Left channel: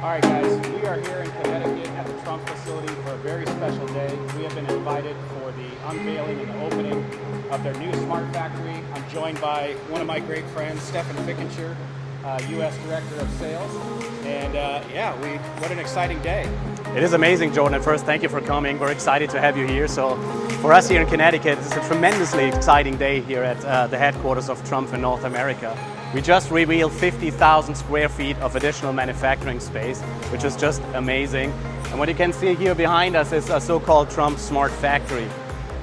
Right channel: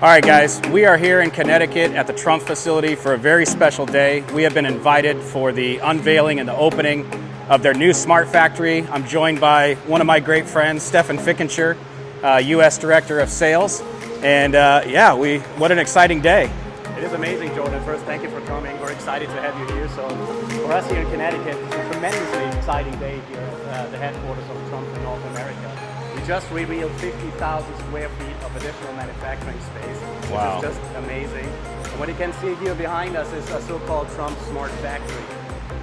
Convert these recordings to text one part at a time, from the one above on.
All right, guys, we are here in Connecticut at the Trumpf facility for a very special day. We have been invited for the unveiling and the opening of their new Smart Factory. I'm joined by one of my great friends, Stefan Fickenscher, U.S. Director of Sales. And what an exciting day. It is amazing, Jordan. First, thank you for coming. We're excited to have you here. So for us here in Connecticut, it's a tremendously exciting day here at the headquarters of Trumpf in North America. We just revealed 50,000 square feet of additional manufacturing space, which is just amazing. And what you can see here behind us is a so-called Trumpf Smart Factory.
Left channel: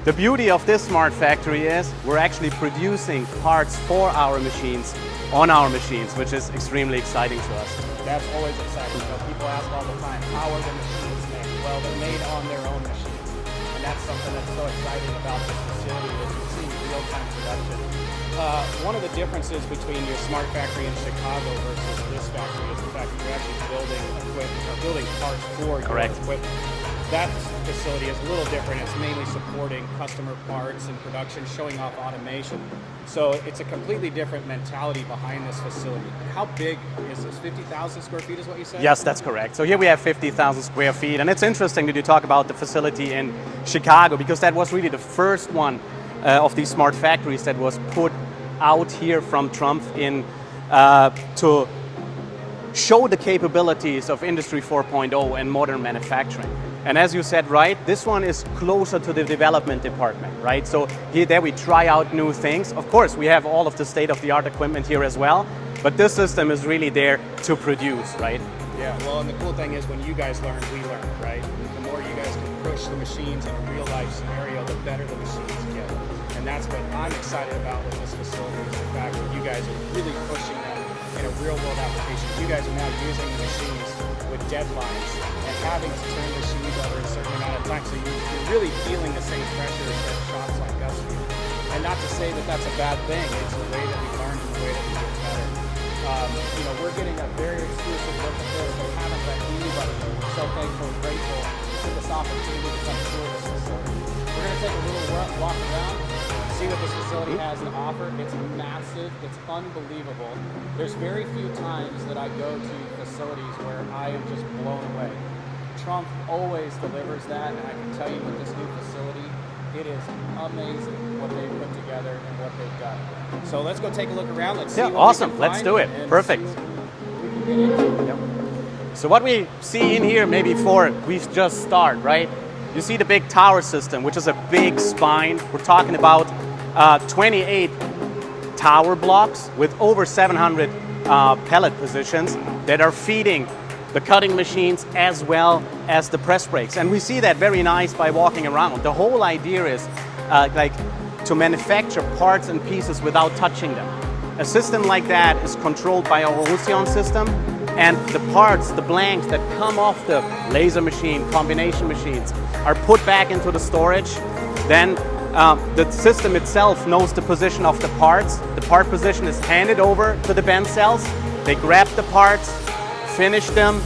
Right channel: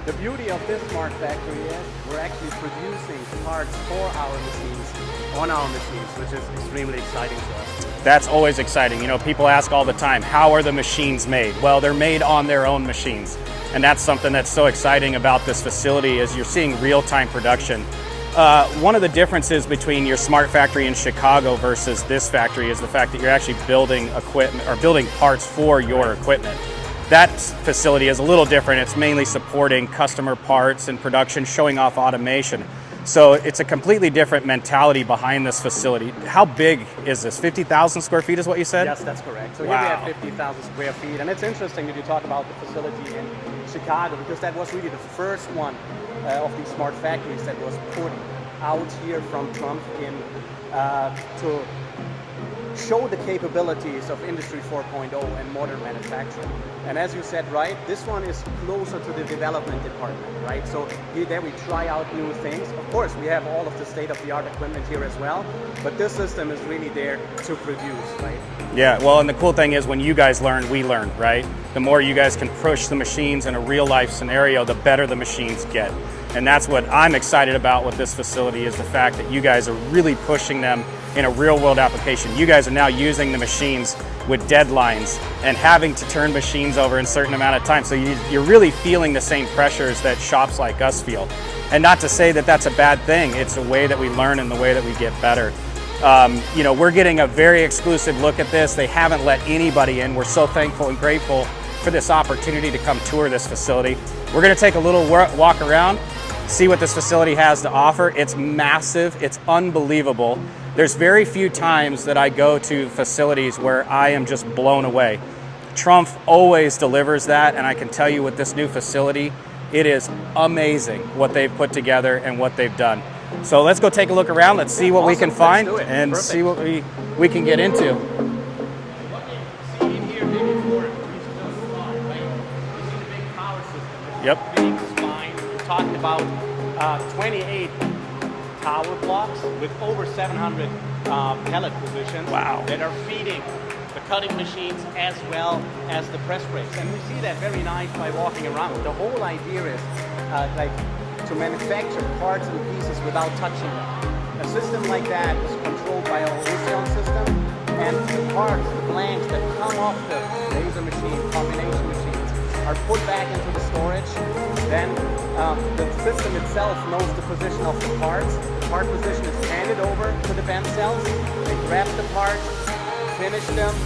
The beauty of this Smart Factory is we're actually producing parts for our machines on our machines, which is extremely exciting to us. That's always exciting. You know, people ask all the time, how are the machines made? Well, they're made on their own machines. And that's something that's so exciting about this facility is you're seeing real-time production. One of the differences between your Smart Factory in Chicago versus this factory is the fact that you're actually building equipment or building parts for your equipment. That facility is a little different. It's mainly supporting customer parts and production, showing off automation. So it's a completely different mentality behind this facility. How big is this? 50,000 square feet is what you said? Yes, that's correct. So here we have 50,000 square feet. And it's interesting that you talk about the facility in Chicago because that was really the first one of these smart factories that was put out here from Trumpf in to show the capabilities of Industry 4.0 and modern manufacturing. And as you said, right, this one is closer to the development department, right? So there we try out new things. Of course, we have all of the state-of-the-art equipment here as well, but this system is really there to produce, right? Yeah, well, and the cool thing is when you guys learn, we learn, right? The more you guys can push the machines in a real-life scenario, the better the machines get. And that's what I'm excited about with this facility is the fact that you guys are really pushing them in a real-world application. You guys are now using the machines with deadlines and having to turn machines over in a certain amount of time. So you're really feeling the same pressures that shops like us feel. And not to say that that's a bad thing. It's a way that we learn and the way that we get better. You know, we're getting a very exclusive look at this. They haven't let anybody in. We're so thankful and grateful for this opportunity to come tour this facility. We're going to take a little walk around, see what this facility has to offer. It's massive. It's unbelievable. There's very few times that I go to facilities where I am just blown away. Trumpf always delivers that, and I can tell you with this new facility, it is amazing what they've put together and what they've done. So let's go take a look around. Let's see what we can find and see what we can get into. So what we see in here, maybe before we just start, right? You see the big tower system, which is a big spine. We're talking about 28 tower blocks with over 700 pellet positions that are feeding the cutting machines as well as the press brakes. And we see that very nice by walking around. The whole idea is to manufacture parts and pieces without touching them. A system like that is controlled by our Ocean system, and the parts, the blanks that come off the laser machine, combination machines, are put back into the storage. Then the system itself knows the position of the parts. The part position is handed over to the bend cells. They grab the parts, finish them,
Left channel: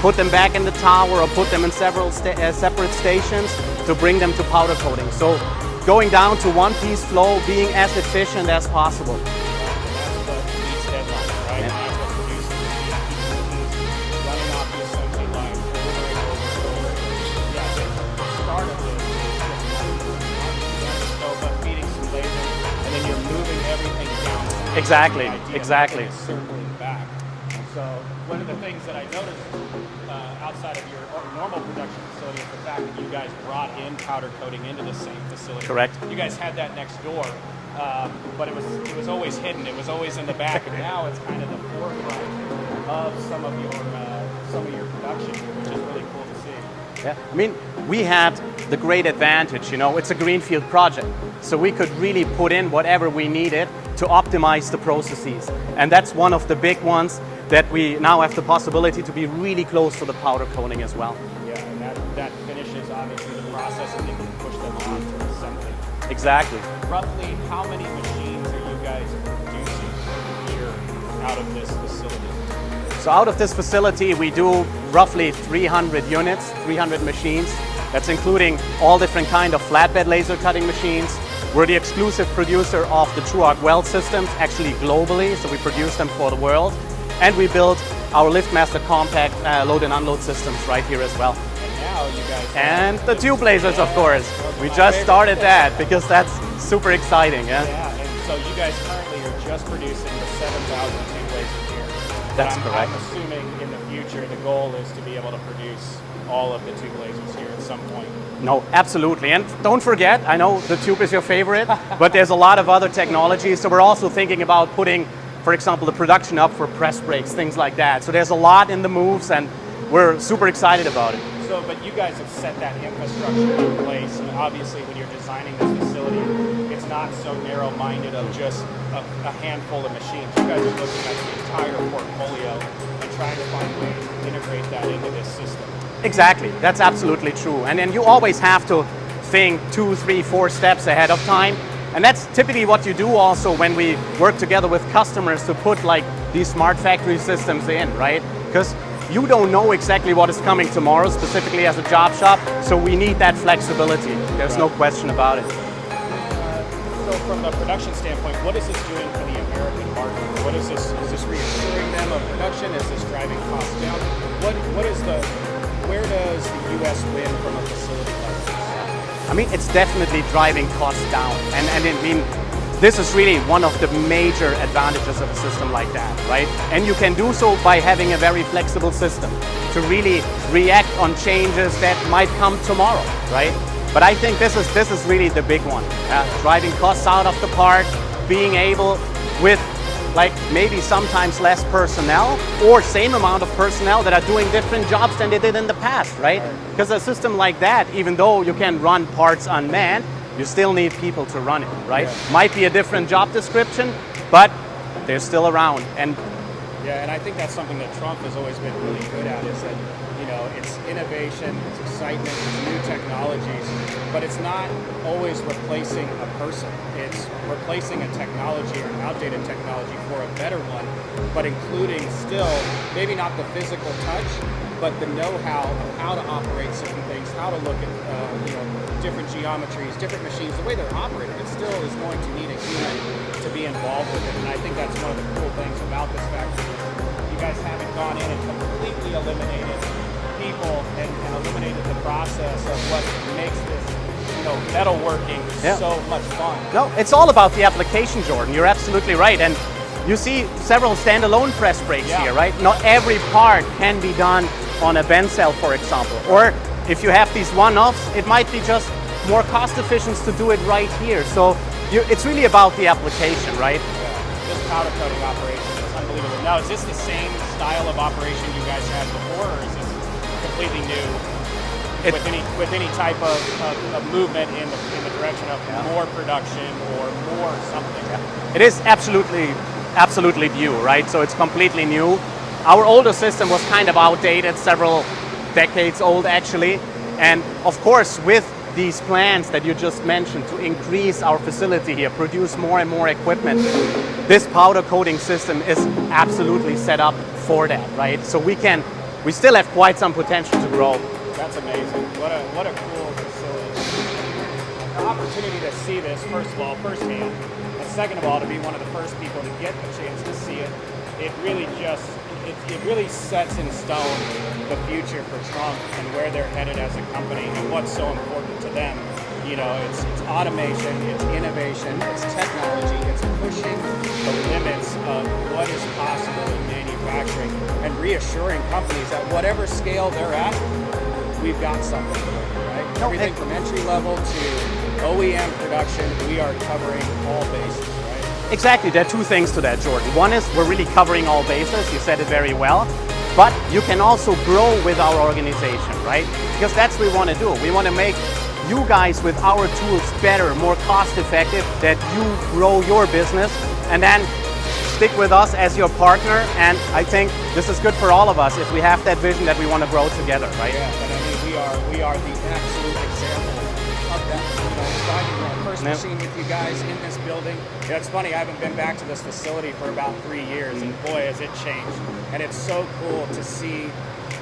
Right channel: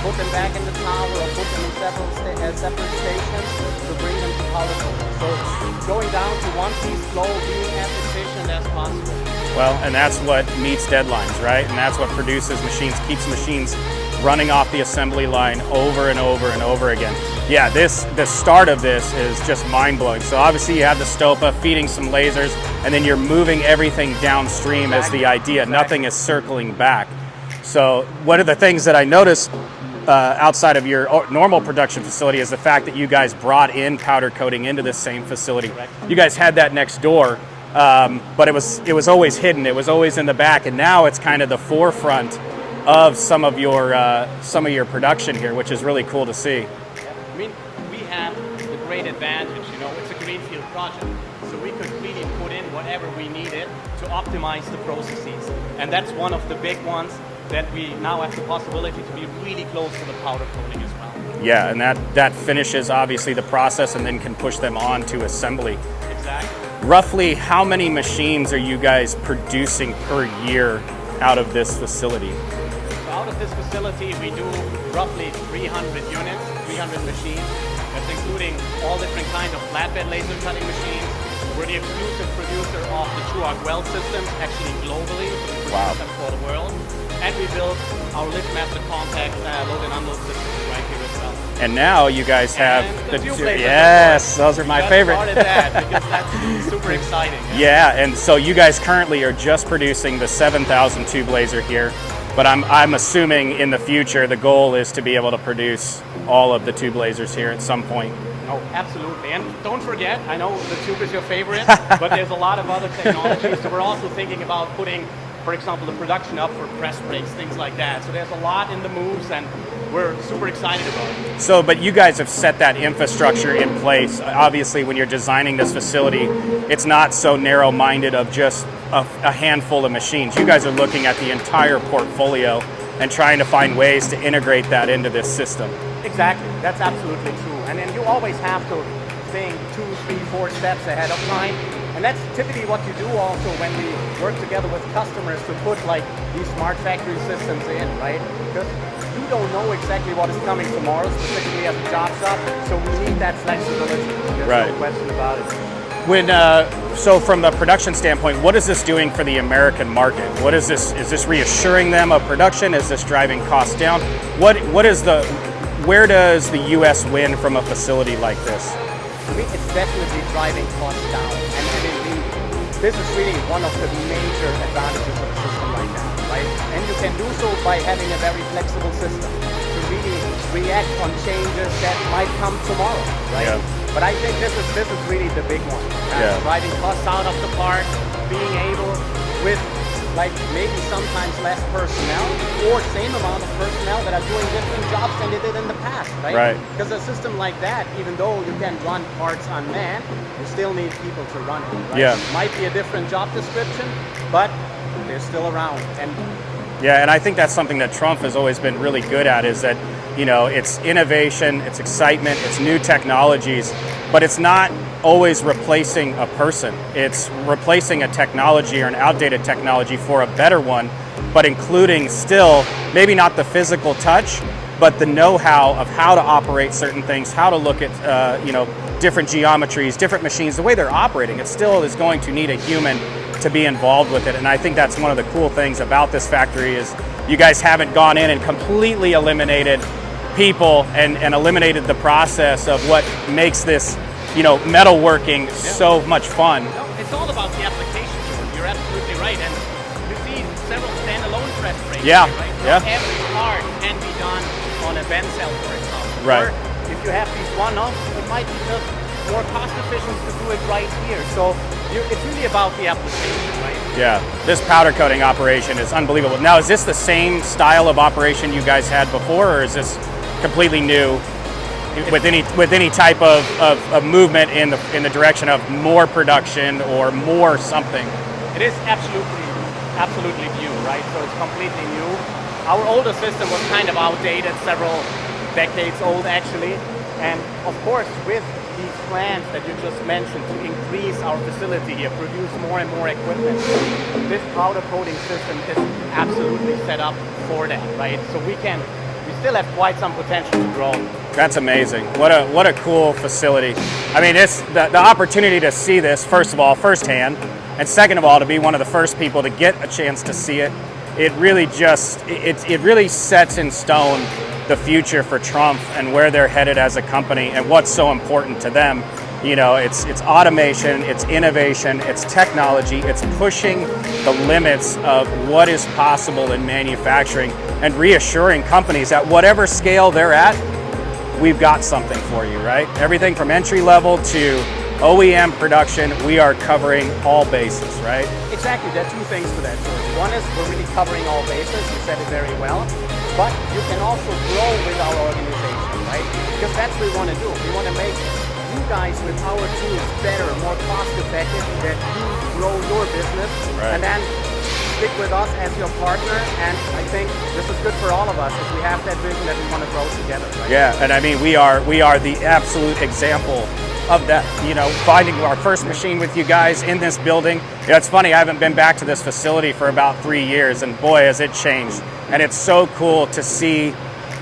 put them back in the tower, or put them in several separate stations to bring them to powder coating. So going down to one-piece flow, being as efficient as possible. Well, and that's what meets deadlines, right? And that's what produces machines, keeps machines running off the assembly line over and over and over again. Yeah, the start of this is just mind-blowing. So obviously you have the Stopa feeding some lasers, and then you're moving everything downstream as the idea. Nothing is circling back. So one of the things that I noticed outside of your normal production facility is the fact that you guys brought in powder coating into this same facility. Correct. You guys had that next door, but it was always hidden. It was always in the back, and now it's kind of the forefront of some of your production here, which is really cool to see. Yeah. I mean, we had the great advantage, you know, it's a greenfield project. So we could really put in whatever we needed to optimize the processes. And that's one of the big ones that we now have the possibility to be really close to the powder coating as well. Yeah, and that finishes obviously the process and then can push them on to assembly. Exactly. Roughly how many machines are you guys producing per year out of this facility? So out of this facility, we do roughly 300 units, 300 machines. That's including all different kind of flatbed laser cutting machines. We're the exclusive producer of the true arc weld systems, actually globally, so we produce them for the world. And we built our LiftMaster compact load and unload systems right here as well. And now you guys have... And the tube lasers, yes, of course. Those are we my just favorite. started that because that's super exciting. Yeah, and so you guys currently are just producing the 7,000 tube laser here, but I'm assuming in the future the goal is to be able to produce all of the tube lasers here at some point. No, absolutely. And don't forget, I know the tube is your favorite, but there's a lot of other technologies. So we're also thinking about putting, for example, the production up for press brakes, things like that. So there's a lot in the moves, and we're super excited about it. So, but you guys have set that infrastructure in place. Obviously, when you're designing this facility, it's not so narrow-minded of just a handful of machines. You guys are looking at the entire portfolio and trying to find ways to integrate that into this system. Exactly, that's absolutely true. And then you always have to think 2, 3, 4 steps ahead of time. And that's typically what you do also when we work together with customers to put like these smart factory systems in, right? Because you don't know exactly what is coming tomorrow, specifically as a job shop, so we need that flexibility. There's no question about it. When, so from the production standpoint, what is this doing for the American market? What is this reassuring them of production? Is this driving costs down? Where does the US win from a facility like this? I mean, it's definitely driving costs down. And I mean, this is really one of the major advantages of a system like that, right? And you can do so by having a very flexible system to really react on changes that might come tomorrow, right? Yeah. But I think this is really the big one. Driving costs out of the part, being able with like maybe sometimes less personnel or same amount of personnel that are doing different jobs than they did in the past, right? Because a system like that, even though you can run parts unmanned, you still need people to run it, right? Yeah. Might be a different job description, but they're still around. And yeah, and I think that's something that Trumpf has always been really good at, is that, you know, it's innovation, it's excitement, it's new technologies, but it's not always replacing a person. It's replacing a technology or an outdated technology for a better one, but including still, maybe not the physical touch, but the know-how of how to operate certain things, how to look at, you know, different geometries, different machines, the way they're operating. It still is going to need a human to be involved with it. And I think that's one of the cool things about this factory is you guys haven't gone in and completely eliminated people and eliminated the process of what makes this, you know, metalworking so much fun. No, it's all about the application, Jordan. You're absolutely right. And you see several standalone press brakes here, right? Not every part can be done on a bend cell, for example. Or if you have these one-offs, it might be just more cost efficient to do it right here. So it's really about the application, right? Yeah, this powder coating operation is unbelievable. Now, is this the same style of operation you guys had before, or is this completely new with any type of movement in the direction of more production or more something? It is absolutely new, right? So it's completely new. Our older system was kind of outdated, several decades old actually. And of course, with these plans that you just mentioned to increase our facility here, produce more and more equipment, this powder coating system is absolutely set up for that, right? So we still have quite some potential to grow. That's amazing. What a cool facility. I mean, it's the opportunity to see this, first of all, firsthand, and second of all, to be one of the first people to get a chance to see it. It really it really sets in stone the future for Trumpf and where they're headed as a company and what's so important to them. You know, it's automation, it's innovation, it's technology, it's pushing the limits of what is possible in manufacturing and reassuring companies at whatever scale they're at, we've got something for you, right? Everything from entry level to OEM production, we are covering all bases, right? Exactly, there are two things to that, Jordan. One is we're really covering all bases, you said it very well, but you can also grow with our organization, right? Because that's what we want to do. We want to make you guys with our tools better, more cost effective, that you grow your business, and then stick with us as your partner. And I think this is good for all of us if we have that vision that we want to grow together, right? Yeah, and I mean, we are the absolute example of that, you know, finding our first machine with you guys in this building. Yeah, it's funny, I haven't been back to this facility for about 3 years, and boy, has it changed. And it's so cool to see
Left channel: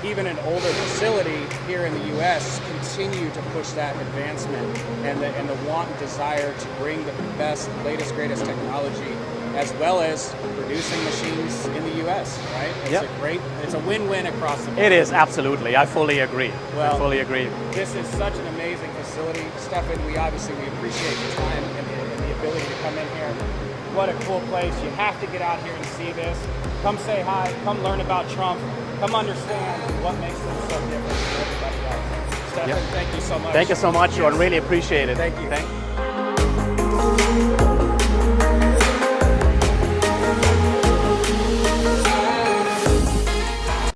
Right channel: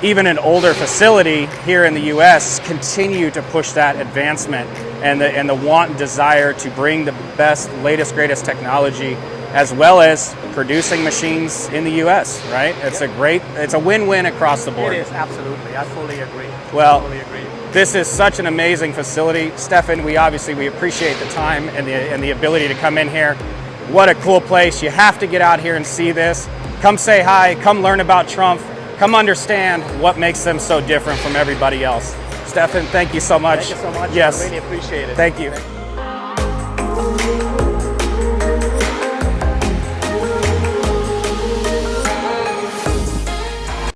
even an older facility here in the US continue to push that advancement and the want and desire to bring the best, latest, greatest technology, as well as producing machines in the U.S., right? It's a win-win across the board. It is, absolutely. I fully agree. Well, I fully agree. This is such an amazing facility. Stefan, we appreciate the time and the ability to come in here. What a cool place. You have to get out here and see this. Come say hi, come learn about Trumpf, come understand what makes them so different from everybody else. Stefan, thank you so much. Thank you so much. Yes. I really appreciate it. Thank you.